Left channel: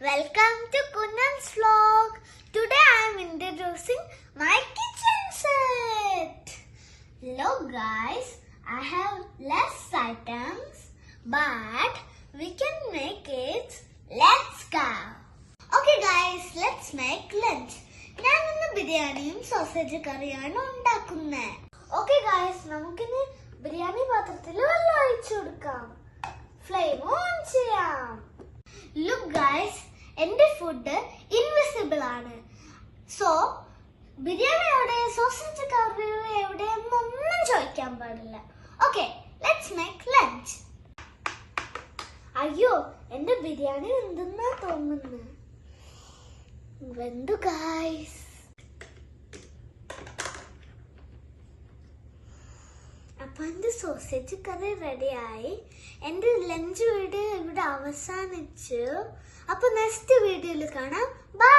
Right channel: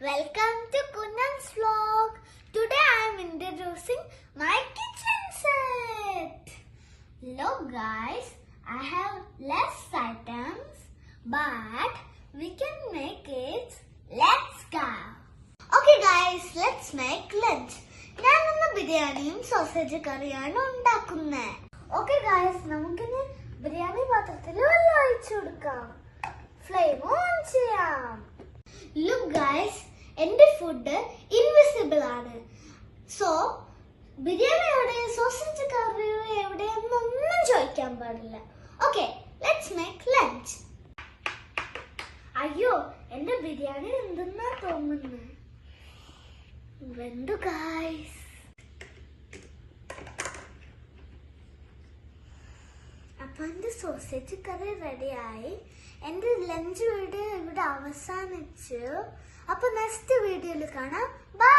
Welcome to Kunnan's vlog. Today I am introducing my kitchen set. Look guys, I have less items but we can make it. Let's go. Okay guys, let's make lunch. ഞാൻ ഇന്ന് ബിരിയാണിയും sausage കറിയാണ് ഉണ്ടാക്കുന്നത്. Okay guys, നമുക്കിന്ന് ബിരിയാണി പാത്രത്തിൽ വെള്ളം ഒഴിച്ചു കൊടുക്കാം. ഫ്ലെയിം ഓൺ ചെയ്യാം. Look guys, എന്റെ ഫുഡ് ഇൻവിസിബിൾ ആണ്. സോ ബിരിയാണി എവിടെ, സോസേജ് കറി എവിടെ എന്നൊന്നും ചോദിക്കാൻ പാടില്ല. Okay, let's make lunch. അയ്യോ, എന്റെ ബിരിയാണി എന്തെന്നാ തോന്നുന്നു. വെന്തു ഗൈസ്. അപ്പൊ എന്റെ സോസേജ് കറി റെഡിയായി. എന്റെ ലഞ്ച് വീഡിയോ ഇവിടെ അവസാനിച്ചു. അപ്പൊ നെക്സ്റ്റ് വീഡിയോയിൽ കാണാം. ബൈ.